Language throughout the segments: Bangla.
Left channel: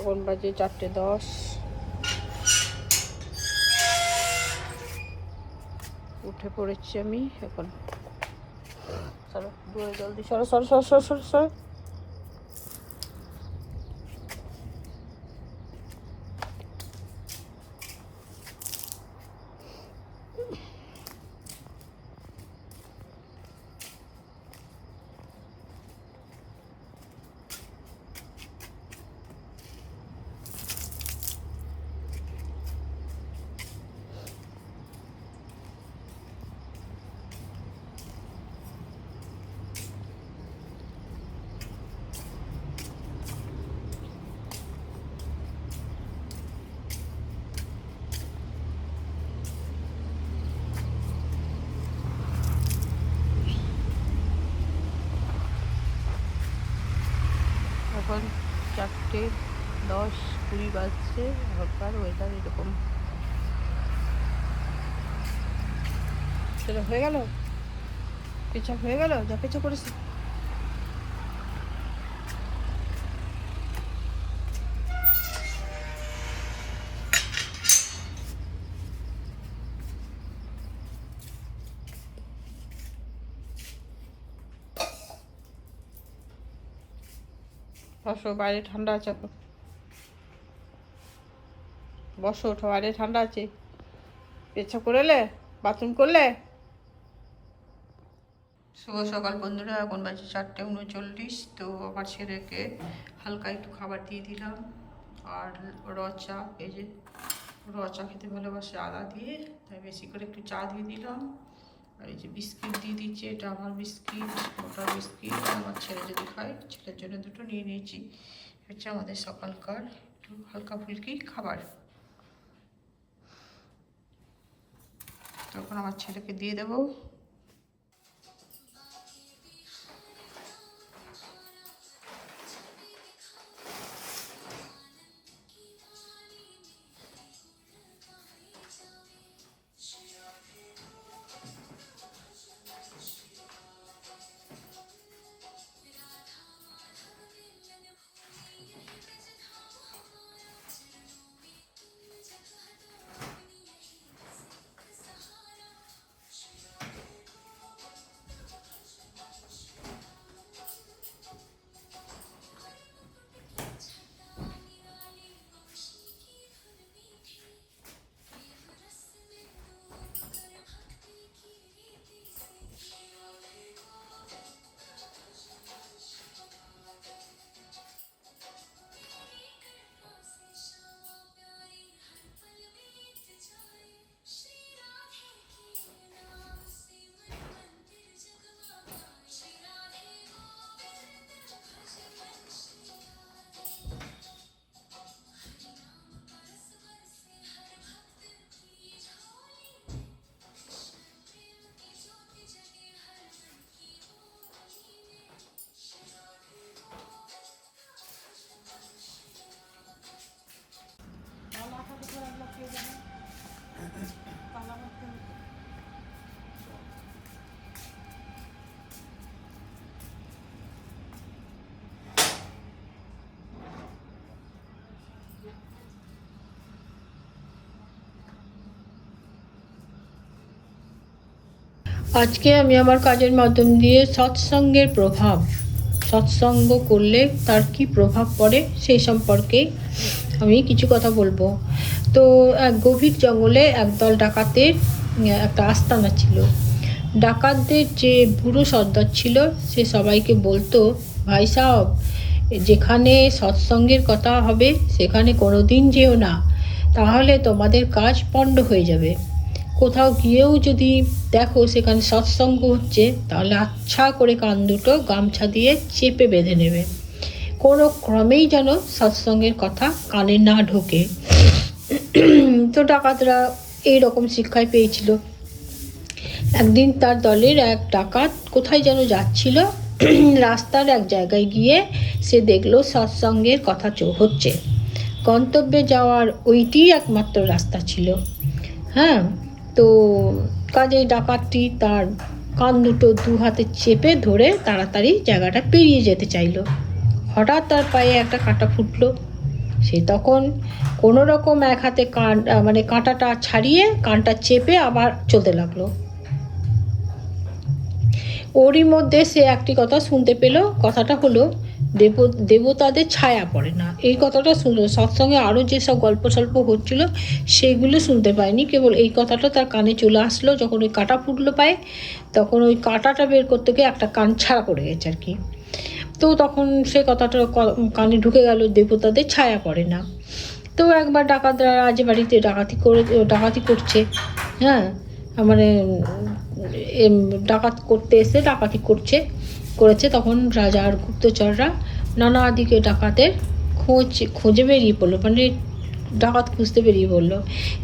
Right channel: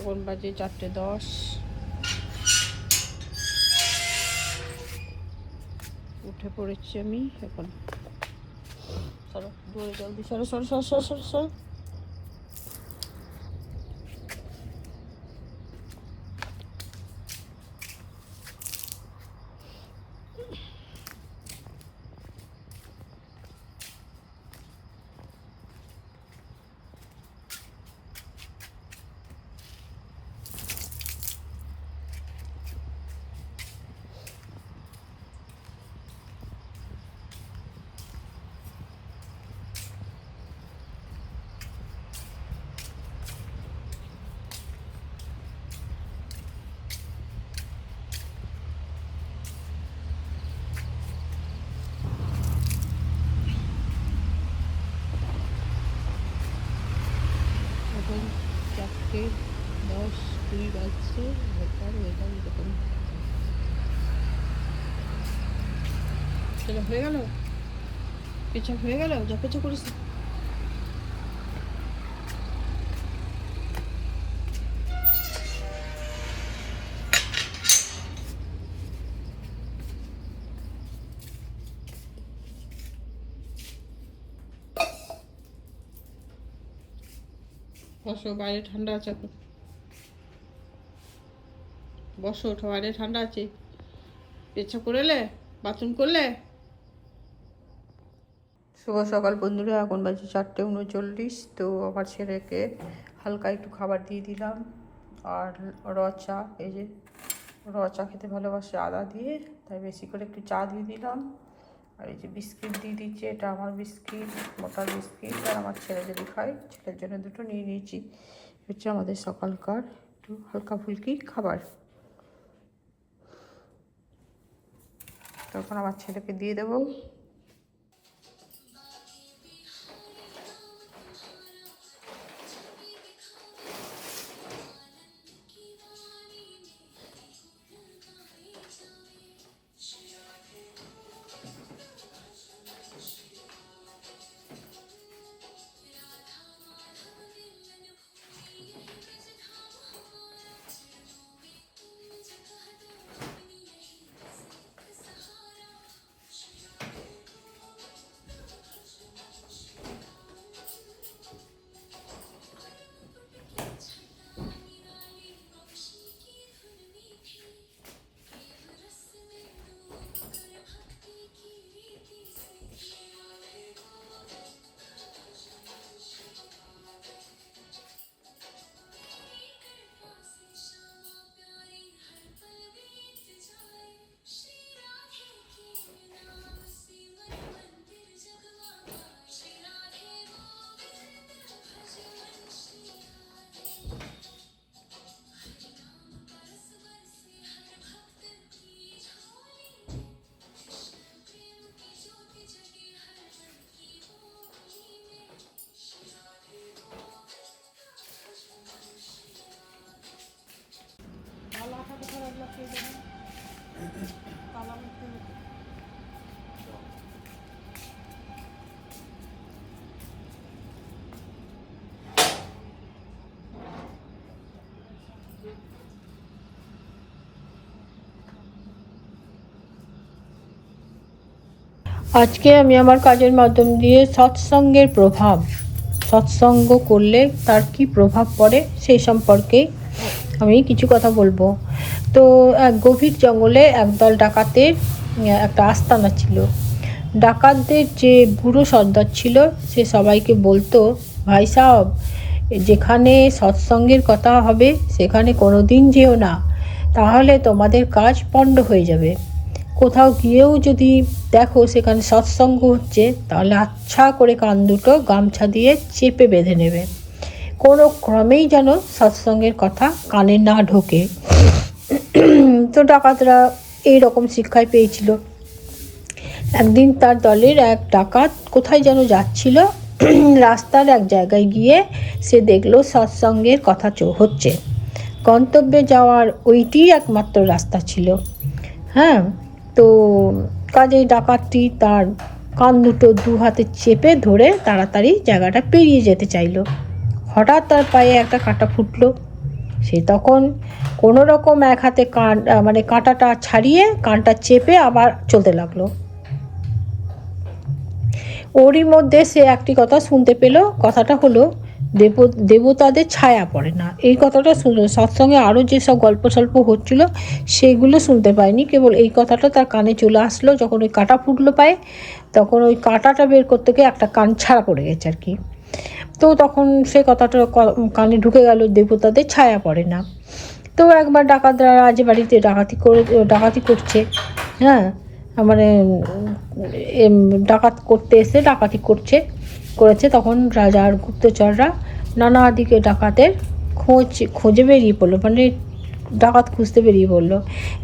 এখন বাজে 4:10। উঠে পড়েছি আমি এখন। চলো জলদি সরো সরো সরো সরো সরো সরো। এখন 4:10-20 বাজছে। হালকার ওয়েদার এরকম। সেটা হয়ে গেল, পেঁচা হয়ে গেল, যা পেঁচা করেছি। বসো, বাইরে ঠান্ডা আছে এখন। বসো, ওঠো, বাইরে ঠান্ডা আছে। পেঁচা করলে, বাথরুম করলে। শুভ সকাল বন্ধুরা, এখন বাজে 4:39। তো আমার ছেলেকে হালকা একটু খাবার দিয়ে দিলাম। আর চা, এই যে চা খেতে ভালোবাসে আদা দিয়ে, তাই বেশি করে একটু চা দিয়ে দিলাম। আর এই যে বিস্কিট দিয়ে দিচ্ছি, এটা আমার বিস্কিট, মোটার বিস্কিট। আর আমার ছেলে যদি খায়, ছেলের জন্য দুটো নিয়ে নিয়েছি। হচ্ছে আমাদের সকালকার একটু হালকা ফুলকি খাবার। তখন আমার ছেলেকে দিয়ে দেবো। আজকে আমি আমার কাজের মাধ্যম দিয়ে সৎসঙ্গের প্রভাব, সৎসঙ্গ করলে তার কি প্রভাব পড়ে সেই সম্পর্কে আমি কিছু কথা বলবো। তো এক গভীর জঙ্গলে একদল ডাকাতের একটা আস্তানা ছিল। ডাকাতদের যে বুড়ো সর্দার ছিল, সে সবাইকে বলতো, ভাই সাহেব, যেখানে সৎসঙ্গের কথা হবে সেখানে কোনো দিন যেও না, তাহলে তোমাদের কাজ পণ্ড হয়ে যাবে। কোথাও গিয়েও যদি দেখো সেখানে সৎসঙ্গ হচ্ছে, তাহলে আচ্ছা করে কান দুটো গামছা দিয়ে চেপে বেঁধে নেবে। কোনো ক্রমেই যেন সৎসঙ্গের কথা কানে না ঢোকে। তো ডাকাতরা এইরকম শিক্ষাই পেয়েছিল। একদিন তার দলের এক ডাকাত কোথায় যেন যাচ্ছিল। রাস্তার এক জায়গায় গিয়ে সে দেখলো সৎসঙ্গের কথা হচ্ছে। গন্তব্যে যাওয়ার ওইটি একমাত্র রাস্তা ছিল। হ্যাঁ, তো কাজেই ডাকাতটি তার কান দুটো দু হাতে চেপে ধরে তাড়াতাড়ি জায়গাটা পেরিয়ে যেতে চাইল। হঠাৎ তার পায়ে একটা কাঁটা ফুটলো। সে তখন কোনো রকম এক হাতে কাঁটাটা ছাড়িয়ে কানটা চেপে আবার চলতে লাগলো। ওরই মধ্যে সে একটি কথা শুনতে পেল, কথাটা হলো দেবতাদের ছায়া পড়ে না। এই কথাটা শুনলো, সৎসঙ্গে আরও যেসব গল্প সল্প হচ্ছিল সেগুলো শুনতে পায়নি, কেবল এই কথাটা তার কানে চলে আসলো। যখন ওই কাঁটা ফুটলো পায়ে, তখন ওই কাঁটাটা বের করতে গিয়ে একটা কান ছাড়া পড়ে গেছে আর কি। তো তখন সে কথাটা কানে ঢুকে গেল, দেবতাদের ছায়া পড়ে না। তো একবার ডাকাতরা রাজবাড়িতে ডাকাতি করছে, হ্যাঁ, মানে ডাকাত করতে এসে ডাকাতি করেছে। তখন রাজার গুপ্তচররা নানা দিকে ডাকাতের খোঁজে বেরিয়ে পড়লো, মানে ডাকাত খুঁজতে বেরিয়ে পড়লো।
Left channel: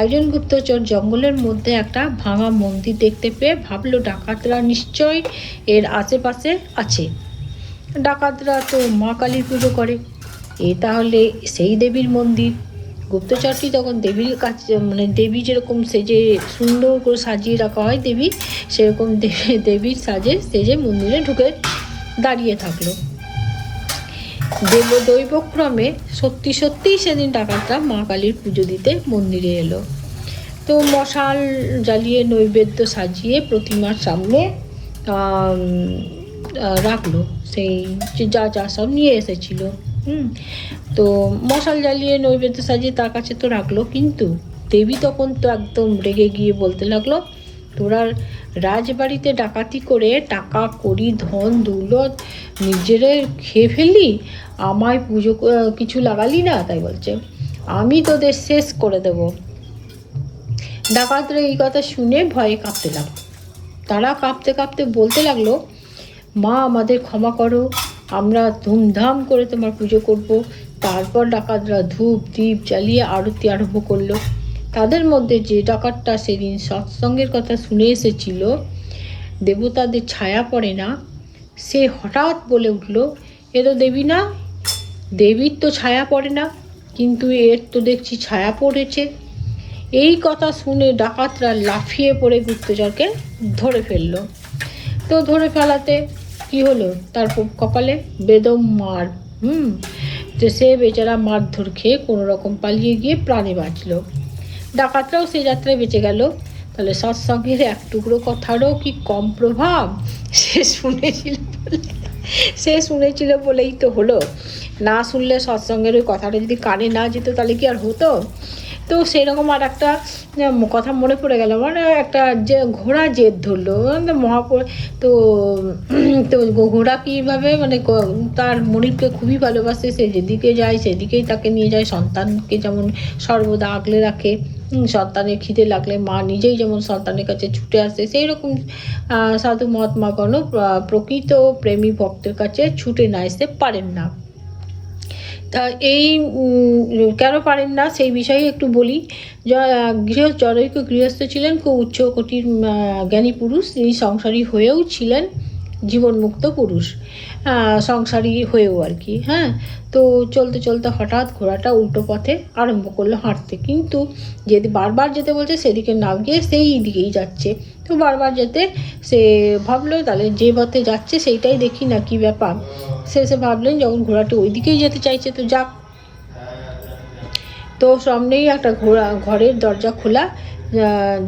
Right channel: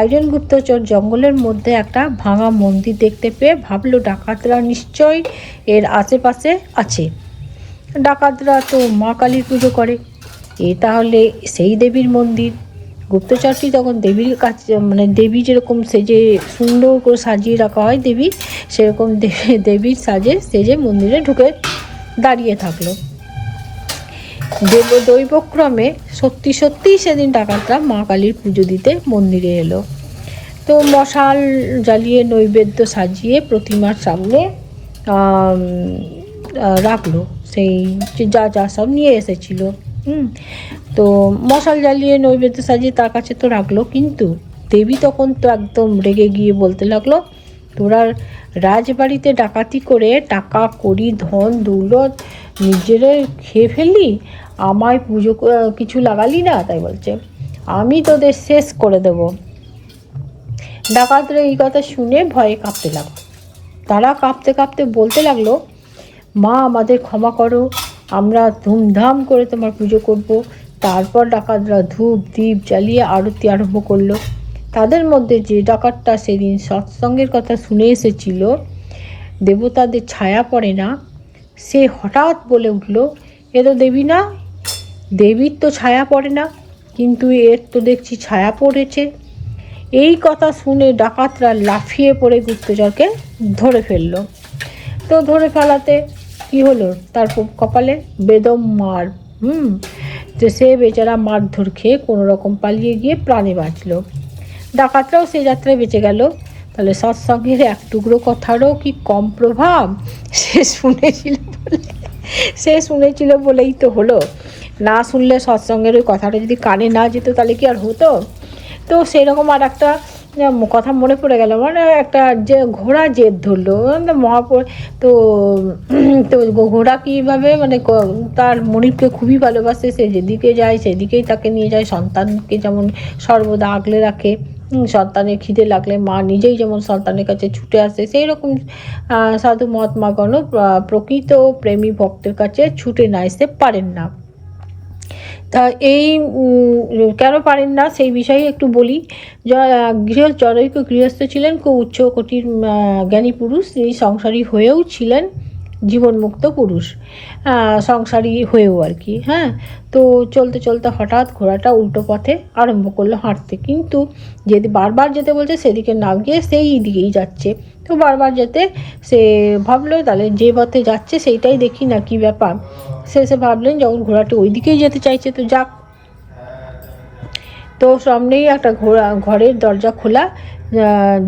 একজন গুপ্তচর জঙ্গলের মধ্যে একটা ভাঙা মন্দির দেখতে পেয়ে ভাবলো ডাকাতরা নিশ্চয়ই এর আশেপাশে আছে। ডাকাতরা তো মা কালীর পুজো করে, তাহলে সেই দেবীর মন্দির। গুপ্তচরটি তখন দেবীর কাছে, মানে দেবী যেরকম সেজে সুন্দর করে সাজিয়ে রাখা হয় দেবী, সেরকম দেবীর সেজে মন্দিরে ঢুকে দাঁড়িয়ে থাকলো। দৈবক্রমে সত্যি সেদিন ডাকাতরা মা কালীর পুজো দিতে মন্দিরে এলো। তো মশাল জ্বালিয়ে নৈবেদ্য সাজিয়ে প্রতিমার সামনে রাখলো, সেই যা সব নিয়ে এসেছিল। তো মশাল জ্বালিয়ে নৈবেদ্য সাজিয়ে তার কাছে তো রাখলো, কিন্তু দেবী তখন তো একদম রেগে গিয়ে বলতে লাগলো, তোরা রাজবাড়িতে ডাকাতি করে টাকা কড়ি ধন দৌলত নিজেরাই খেয়ে ফেললি, আমায় পুজো কিছু লাগালি না, তাই বলছে আমি তোদের শেষ করে দেব। ডাকাতরা এই কথা শুনে ভয়ে কাঁপতে লাগলো। তারা কাঁপতে কাঁপতে বলতে লাগলো, মা আমাদের ক্ষমা করো, আমরা ধুমধাম করে তোমার পুজো করব। তারপর ডাকাতরা ধূপ দ্বীপ জ্বালিয়ে আরতি আরম্ভ করলো। তাদের মধ্যে যে ডাকাতটা সেদিন সৎসঙ্গের কথা শুনে এসেছিল, দেবতাদের ছায়া পড়ে না, সে হঠাৎ বলে উঠল, এ তো দেবী না, দেবীর তো ছায়া পড়ে না, কিন্তু এর তো দেখছি ছায়া পড়েছে। এই কথা শুনে ডাকাতরা লাফিয়ে পড়ে গুপ্তচরকে ধরে ফেলল। তো ধরে ফেলাতে কি হলো, তার কপালে বেদম মার। তো সে বেচারা মারধর খেয়ে কোনো রকম পালিয়ে গিয়ে প্রাণে বাঁচল। ডাকাতরাও সে যাত্রায় বেঁচে গেল। তাহলে সৎসঙ্গের এক টুকরো কথারও কি কম প্রভাব? সে শুনেছিল বলেই তো হলো। না শুনলে সৎসঙ্গের ওই কথাটা যদি কানে না যেত তাহলে কি আর হতো? তো সেরকম আর একটা কথা মনে পড়ে গেল, মানে একটা যে ঘোড়া জেদ ধরলো তো ঘোড়া কীভাবে, মানে তার মনিবকে খুবই ভালোবাসে, সে যেদিকে যায় সেদিকেই তাকে নিয়ে যায়। সন্তানকে যেমন সর্বদা আগলে রাখে, সন্তানের খিদে লাগলে মা নিজেই যেমন সন্তানের কাছে ছুটে আসে, সেই রকম সাধু মহাত্মাগণ প্রকৃত প্রেমী ভক্তের কাছে ছুটে না আসতে পারেন না। তা এই কেন পারেন না সেই বিষয়ে একটু বলি। জনৈক গৃহস্থ ছিলেন, খুব উচ্চ কোটির জ্ঞানী পুরুষ, এই সংসারী হয়েও ছিলেন জীবনমুক্ত পুরুষ, সংসারী হয়েও আর কি। হ্যাঁ, তো চলতে চলতে হঠাৎ ঘোড়াটা উল্টো পথে আরম্ভ করলো হাঁটতে, কিন্তু বারবার যেতে বলছে সেদিকে না গিয়ে সেই দিকেই যাচ্ছে। তো বারবার যেতে সে ভাবলো তাহলে যে পথে যাচ্ছে সেইটাই দেখি না, কি ব্যাপার। সে ভাবলেন যখন ঘোড়াটা ওই দিকেই যেতে চাইছে তো যাক। তো সামনেই একটা ঘরের দরজা খোলা,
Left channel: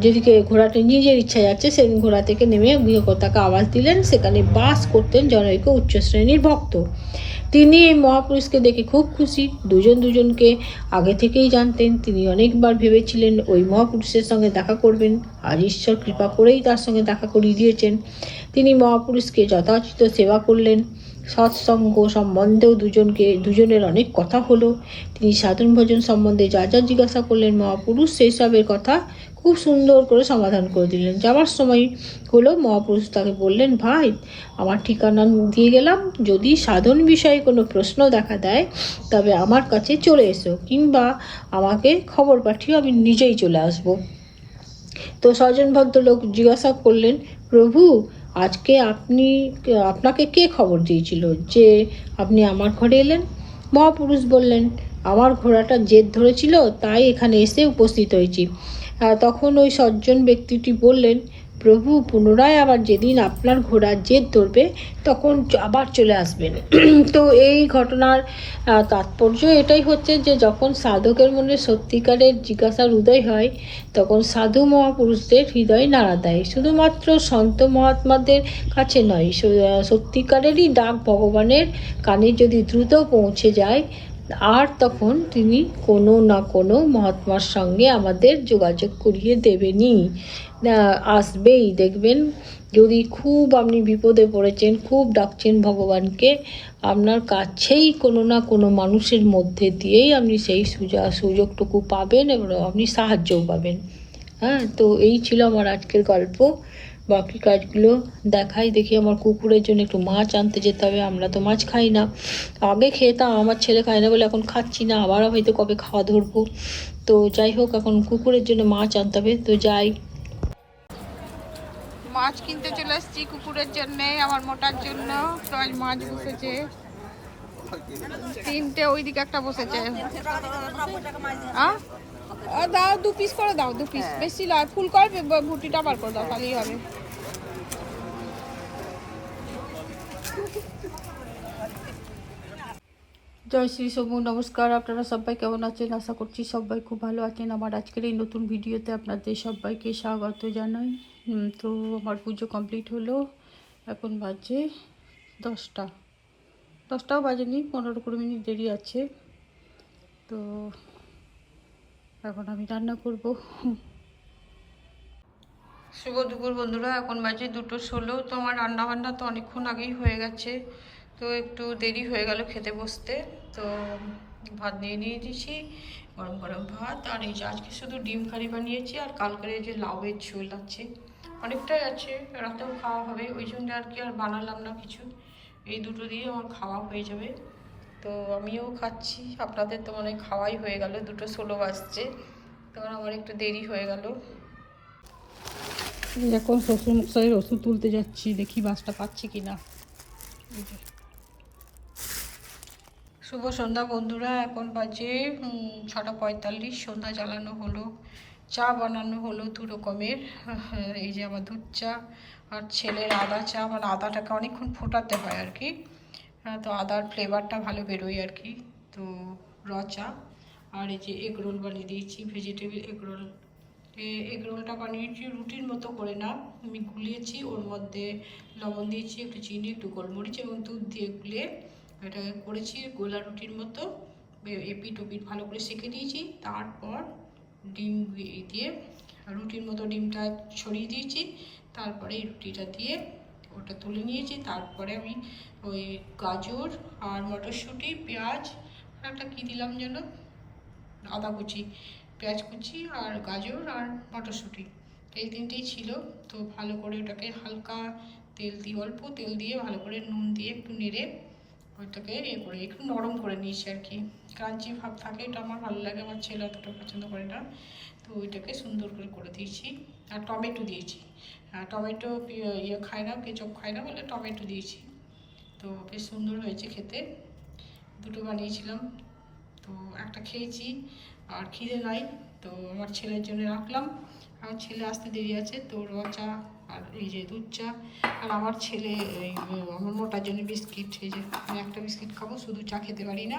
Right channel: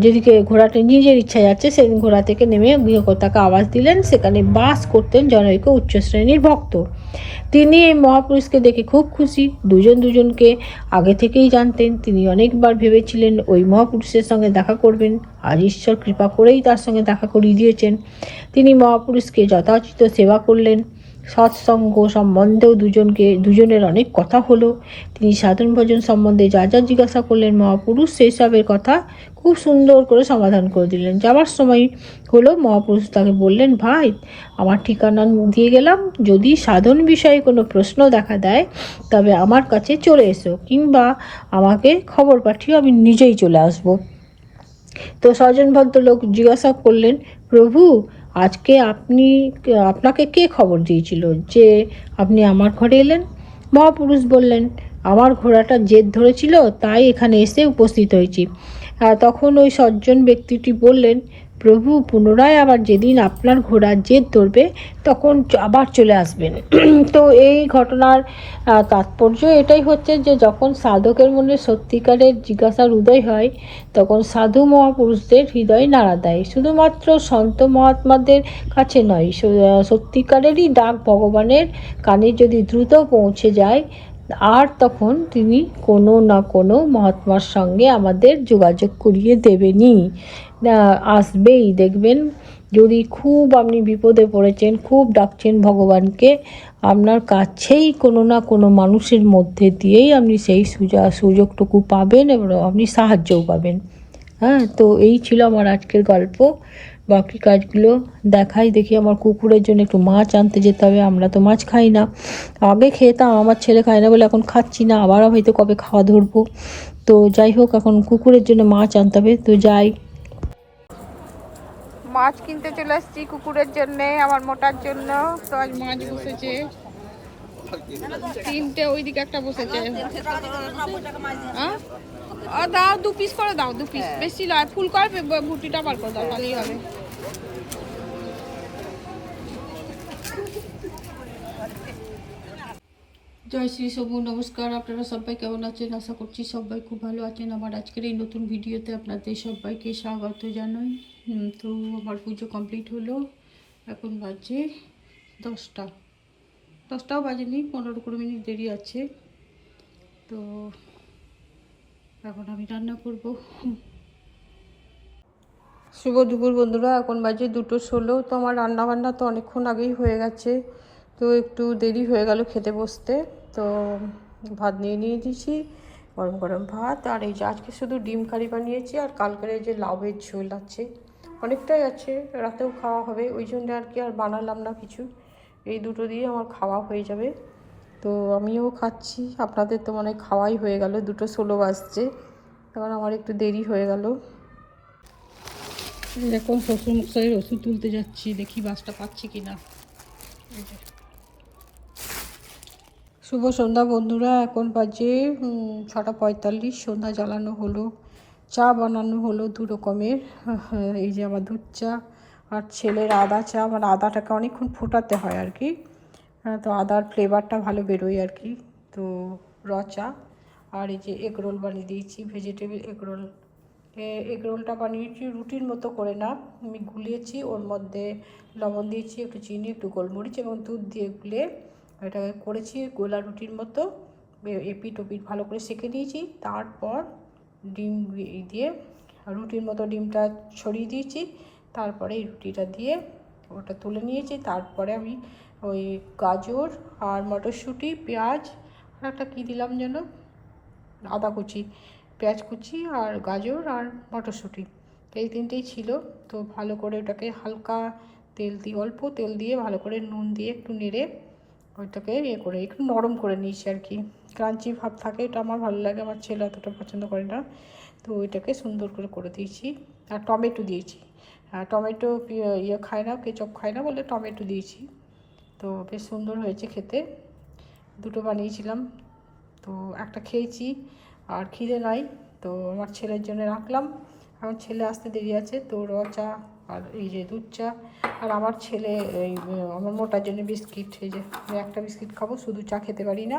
যেদিকে ঘোড়াটা নিজের ইচ্ছা যাচ্ছে সেদিন ঘোড়া থেকে নেমে গৃহকর্তাকে আওয়াজ দিলেন। সেখানে বাস করতেন জনৈক উচ্চ শ্রেণীর ভক্ত। তিনি এই মহাপুরুষকে দেখে খুব খুশি। দুজনকে আগে থেকেই জানতেন। তিনি অনেকবার ভেবেছিলেন ওই মহাপুরুষের সঙ্গে দেখা করবেন। আজ ঈশ্বর কৃপা করেই তার সঙ্গে দেখা করিয়ে দিয়েছেন। তিনি মহাপুরুষকে যথাযথ সেবা করলেন। সৎসঙ্গ সম্বন্ধেও দুজনের অনেক কথা হলো। তিনি সাধন ভজন সম্বন্ধে যা জিজ্ঞাসা করলেন, মহাপুরুষ সেই সবের কথা খুব সুন্দর করে সমাধান করে দিলেন। যাওয়ার সময় হলো মহাপুরুষ তাকে বললেন, ভাই আমার ঠিকানা দিয়ে গেলাম, যদি সাধন বিষয়ে কোনো প্রশ্ন দেখা দেয় তবে আমার কাছে চলে এসো, কিংবা আমাকে খবর পাঠিও, আমি নিজেই চলে আসব। তো স্বজন ভদ্রলোক জিজ্ঞাসা করলেন, প্রভু আজকে আপনাকে কে খবর দিয়েছিল যে আপনি আমার ঘরে এলেন? মহাপুরুষ বললেন, আমার ঘোড়াটা জেদ ধরেছিল, তাই এখানে এসে উপস্থিত হয়েছি। তখন ওই সজ্জন ব্যক্তিটি বললেন, প্রভু, পুনরায় আবার যেদিন আপনার ঘোড়ার জেদ ধরবে তখন আবার চলে আসবেন। তো এই ঘটনার তাৎপর্য এটাই হচ্ছে যে যখন সাধকের মনে সত্যিকারের জিজ্ঞাসার উদয় হয়, তখন সাধু মহাপুরুষদের হৃদয় নাড়া দেয়। শুধুমাত্র সন্ত মহাত্মাদের কাছে নয়, সত্যিকারেরই ডাক ভগবানের কানে যদি দ্রুত পৌঁছে যায়, আর তখন তিনি কোনো না কোনো মহাত্মার সঙ্গে আমাদের যোগাযোগ করিয়ে দেবেনই, আসবেই। দেখবেন, যদি খুব আপনি বিপদে পড়েছেন, খুব ডাকছেন ভগবানকে, আপনার কাছেই কোনো না কোনো মানুষের মধ্যে দিয়েই আপনি সেই সুযোগটুকু পাবেন এবং আপনি সাহায্যও পাবেন। তো এই ছিল আমার আজকের গল্প। বাকি কাজগুলো দেখি। আমার কুকুরের জন্য একটু মাছ আনতে যেতে হবে। আমরা তো মাছ খাই না, আগে খেতাম, আমার ছেলে খায় না বলে এখন খাচ্ছি না, আবারও হয়তো কবে খাওয়া ধরবো। তো যাই হোক, এখন কুকুরের জন্য মাছ আনতে হবে, তো যাই। মাছ কিনতে চলে আসছি কুকুরের জন্যে, আমার মোটার জন্য। তো আজ মাছ বসেছে 3টে, ওইদিকে একটা বসেছে। দাও 2 পিস করে দাও, 2 পিস, বেশি নয়, ফুল করবে, ভুটিটা বার করে দাও, তাহলেই হবে। জয় শ্রী শম্ভু, নমস্কার। আপনারা সবাই কেমন আছেন? আশা করছি সবাই খুব ভালো আছেন। আমার আজকের এই নতুন ভিডিওতে আপনাদের সবাইকে স্বাগত জানাই। তো আমার পুজো কমপ্লিট হলো, এখন বাজে 10টাও বাজেনি, 15-20 মিনিট দেরি আছে। তো এখন আমি রান্না করব। শুভ দুপুর বন্ধুরা, এখন বাজে 2:16। তো আমার রান্নাবান্না তো অনেকক্ষণ আগেই হয়ে গেছে, তো একটু দেরি হয়ে গেল খেতে বসতে। তো ভাত নিয়ে দিয়েছি, গরম গরম ভাত। আর এই যে আজকে শুধু ডিম কারি বানিয়েছি, আর কালকের যে লাউয়ের ঝোল আছে, অনেকটাই আছে, রাতেও খাওয়া হবে, ওই জন্য আর কি আর বানালাম না কিছু। এই দুটো দিয়ে আমার খাওয়া হয়ে যাবে। তো আমিও খাচ্ছি, আপনাদের তো মনে হয় খাওয়াই হয়ে গেল, 2:16 বাজছে, তখন আমার একটু দেরি হয়ে গেল। এখন শ্বশুরমশাইয়ের ওষুধ তুলতে যাচ্ছি, দেখি বাসটা পাচ্ছি কিনা। শুভ সন্ধ্যা বন্ধুরা, এখন বাজে 6:45। সন্ধ্যা জ্বালানো হলো, চা বানানো হলো 2 রকমের। এই যে আমার দুধ চা, আর ছেলের আদা চা। মানে আদাটাকে অনেকক্ষণ ফোটাতে হয় আর কি, তো আদার ফ্লেভারটা ভালো বেরোয় আর কি। তো র চা। আর এই যে এগ রোল বানিয়ে দিয়েছি, ভেজিটেবিল এগ রোল। এগ রোলটা বানিয়েছি রুটির মতো করে না, আমি গুলিয়েছি, ওর মধ্যে লবণ দিয়েছি, একটু চিনি, একটু গোলমরিচ এবং দুধ দিয়ে গুলে এটাকে করেছি গোলা রুটির মতো। এপিট ওপিট ভালো করে সেঁকে দিয়েছি, তারপর ডিম দিয়ে রুটির মতো ডিমটা ছড়িয়ে দিয়েছি, তারপরে এই রুটিটা দিয়ে ওটা তুলে নিয়েছি। তারপরে আমি ওই গাজর আর মটরশুঁটি, পেঁয়াজ, আর একটা কী দিলাম যেন, আদা কুচি, পেঁয়াজ কুচি, আর গাজর আর মটরশুঁটি, এই 3টেই ছিল। তো ভালো করে ওটাকে হালকা তেল দিয়ে, অল্প তেল দিয়ে, ভালো করে নুন দিয়ে একটু নেড়ে ওইটাকে করে একটু নরম করে নিয়েছি আর কি। ক্রাঞ্চি ভাব থাকে, এটা আমার ভালো লাগে, আমার ছেলে অতটা পছন্দ করে না। তো ওইটাকে সুন্দর করে দিয়েছি। আর টমেটো দিয়েছি, টমেটো খায় না, কেচপ খায় না বলে টমেটো দিয়েছি। তো বেশ সুন্দর হয়েছে খেতে। 2টো বানিয়েছিলাম, তো একটা খেয়েছি, আর খিদে নাই, তো আমার ছেলের জন্য রাখলাম। আমার ছেলে আসতে দেরি আছে, তো র চা আর এই যে দুধ চা। আর আমার ছেলে এই আমার মোটার জন্য বিস্কিট, এই যে আমি একটা বিস্কিট খাবো, শুধু চা খেতে পারি না,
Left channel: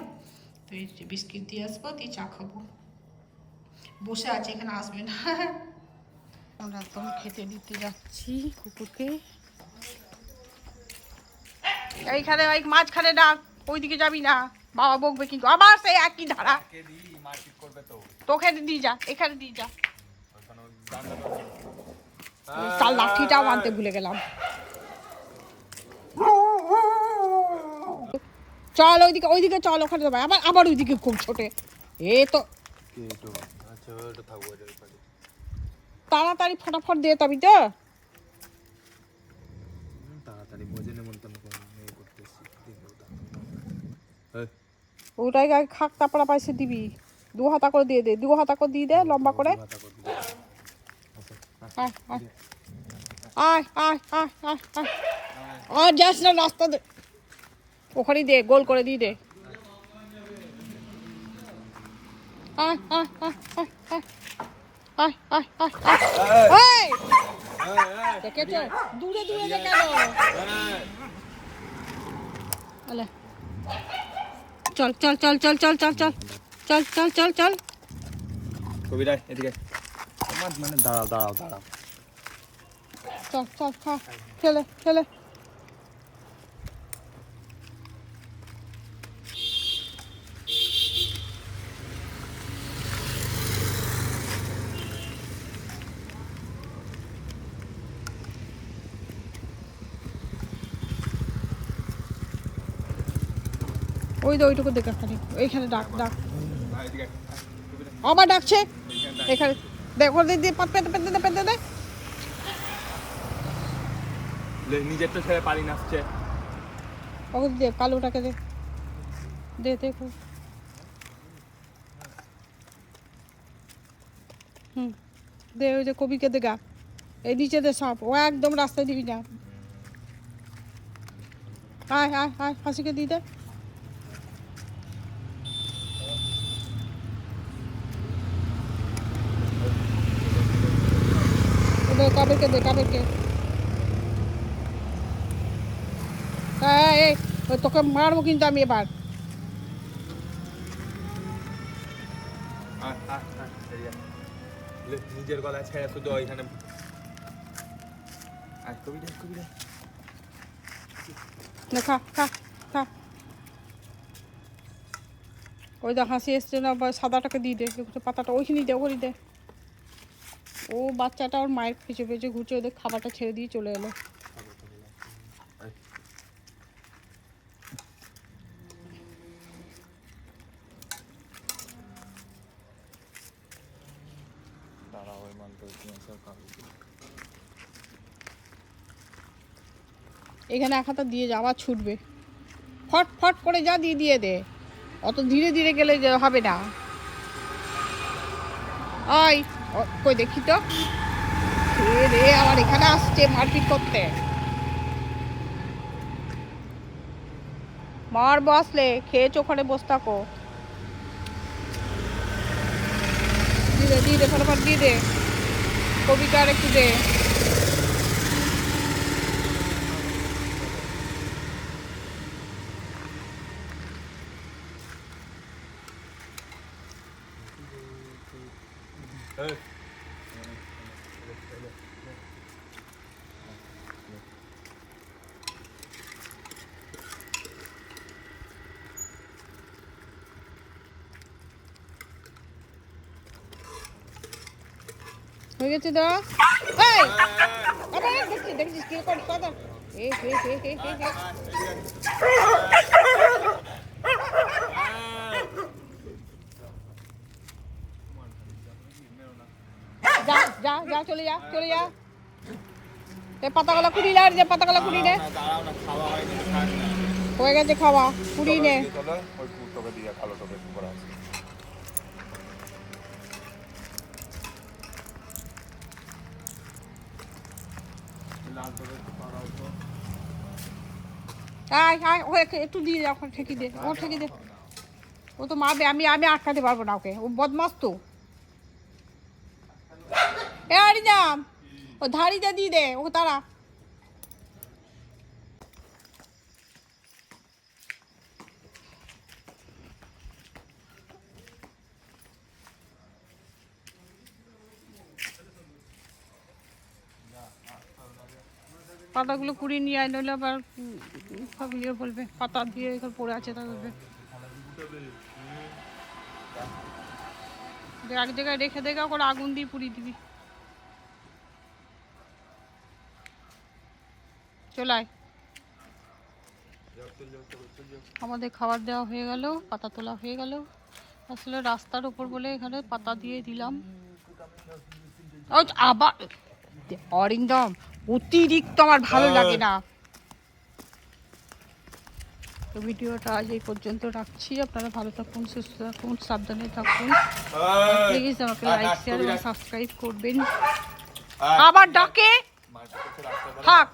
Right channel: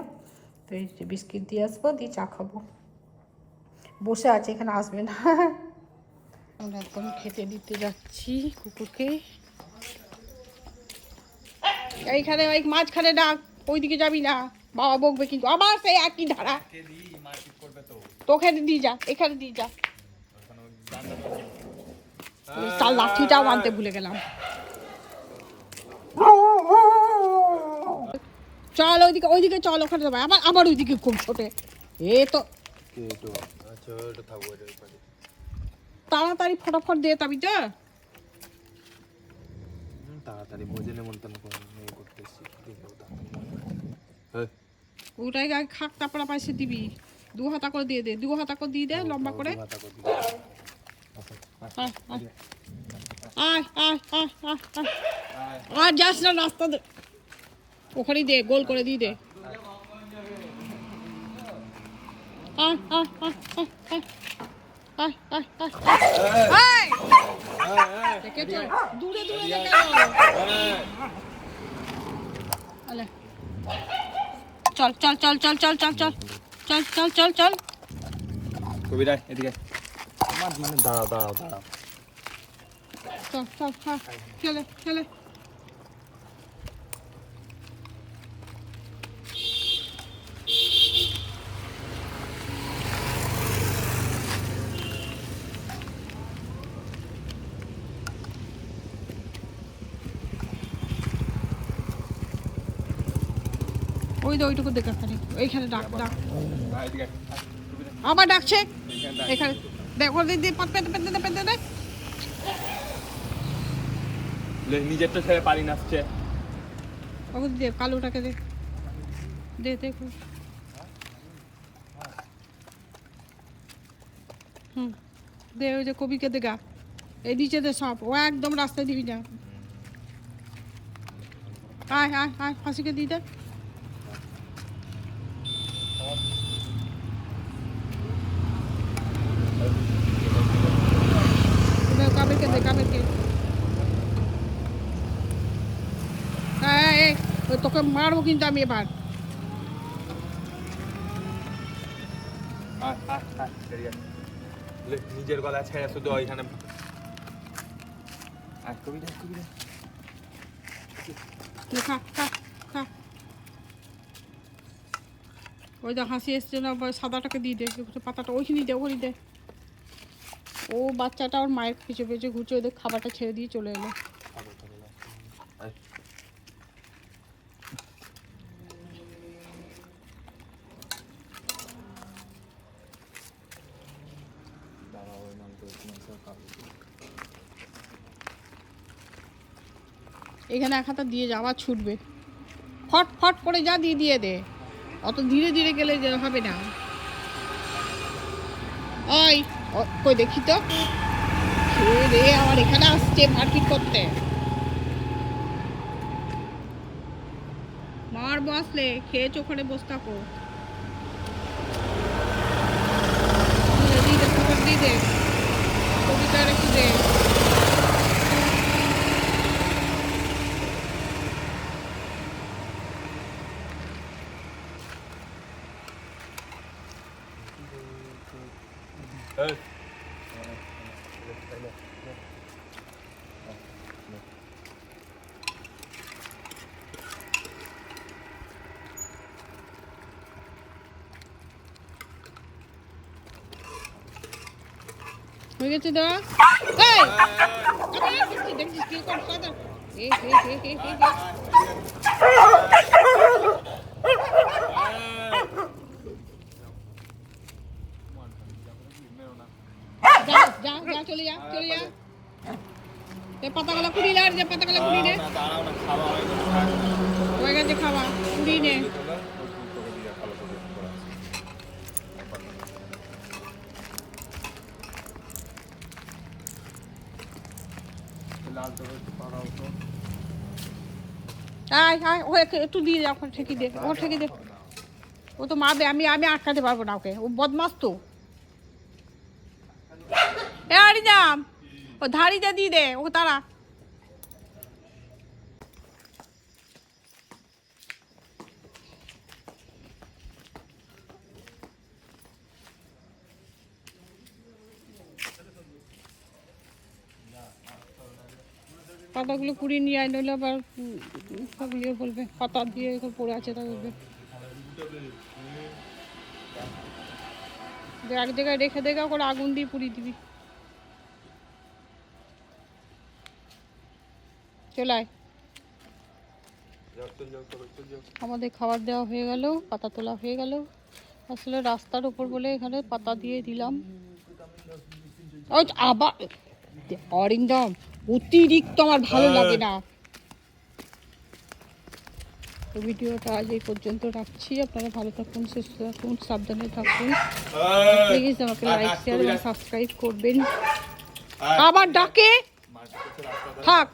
তো এই যে বিস্কিট দিয়ে আসবো, দিয়ে চা খাবো। বসে আছে, এখানে আসবে না। আমরা একদম খেতে দিতে যাচ্ছি কুকুরকে। এইখানে ওই মাঝখানে ডাক, ওইদিকে যাবি না, বাবা বকবে কিন্তু। আবার সেই একই ধারা, তোকে দিয়ে যা, এখানে দিয়ে যা। তার লাঠিটাও আনতে ভুলে গেলাম। চল ওইদিকে চল, ওখানে যাবে, আবার ওইদিকে খুব ছোটে। এ তো তাড়াতাড়ি ফটাফট দিয়ে তবে তো তাড়াতাড়ি বোঝে নেমন্তন্ন করতেছি। ওটাই আগে খাক, তারপর পয়সা দিবি। 2 হাতা করে দিয়ে দে, 2 হাতা করে দিয়ে দে, লম্বা করে। আয় আয় আয় আয় আয়, আর যাস না, রাস্তা দে, ওখানেই দে, গোল করে দিয়ে দে। আয় আয় আয় আয় আয় আয় আয় আয় দেখেছো দূরে দূরে কেন আলে চল চল চল চল চল চল চল চল চল চল চল কবিরা এদিকে আমার মানে দাঁড়াও দাঁড়াও দাঁড়াও চল চল খা খেলে খেলে ওই তো ওইটুকু দেখা খালি এইখানে ডাক ডাক এদিকে কবিরা আবার ডাকছে এখানে দেখো দিদি পেতে পেতে দে পেতে দে নিজের তো ছেড়ে পারি নাচছে ওকে দে কালোটাকে দে দে দেখো দে ওই যে কবিকে দেখা এই নিচে দে সব ও একদম রাস্তায় দিবি না আয় আয় আয় ফাঁসিকে দিয়ে দে কাবেরকে দে কাবেরকে এই তোকে মারবো কিন্তু আমি এবার নিজের গলা ছেড়ে শুধু ওইখানে কবিরা কবিরা খা খা খা ওই দা হাসি এসছে না সাদাটাকে দিয়ে দে পাতাটা ওইখানে দে ওখানে দে ও বাচ্চাটা ওর মায়ের পিছু পিছু ঘুরছে ওদের খাবারটা ছেড়ে দিয়ে চলে এলো এখানে এক হাতা দিয়ে যা আবার ছুটবে ফট ফট করে যা দিয়ে দিয়ে দে অত ধীরে ধীরে গেলে হবে না ওই কই দেখি তো খেয়ে রে আমার এখানে আসছে মারপিট করতে মার বসলে খেয়েছো ওখানে বসে থাকো দিয়ে দে ফটাফট দিয়ে দে কবিতা আর একটু দে হয়ে গেছে দা দেখছিস কি কর কথা যা যা যা চলে যা চলে যা পাতাগুলো কুড়ি নে যে পাতাগুলো কুড়ি নে হয়ে গেছে খাওয়া কুড়ি নে আয় আয় ও একটু দিয়ে যা ঠেকি দে ও ঠেকি দে ও তো মারবে আমি আমি আটকাতে পারবো না ওকে ও বদমাস তো এ আরিজাম ও ধাড়িতে দিয়ে দে ও তারা পাতাগুলো কুড়িয়ে নিয়ে আয় নইলে আবার ইয়ে বলবে পাতা দিয়ে পড়ে আছে তা বলবে এক জায়গায় রেখে দেখা করে আগুন দিয়ে পুড়িয়ে দিবি চলায় আমাদের খাবার দেওয়া হয়ে গেল পাতা তোলা হয়ে গেল আসলে রাস্তার উপর বলে এখানে পাতা দিয়ে দিলাম আবার অরিন্দম অতিরিক্ত আমার ভালো লাগে না তো ভিডিওটা আজ এই পর্যন্ত রাখছি আপনারা ভালো থাকুন সুস্থ থাকুন সাবধানে থাকুন প্লিজ আমাকে লাইক শেয়ার এবং সাবস্ক্রাইব করবেন আবার ডাকে থাক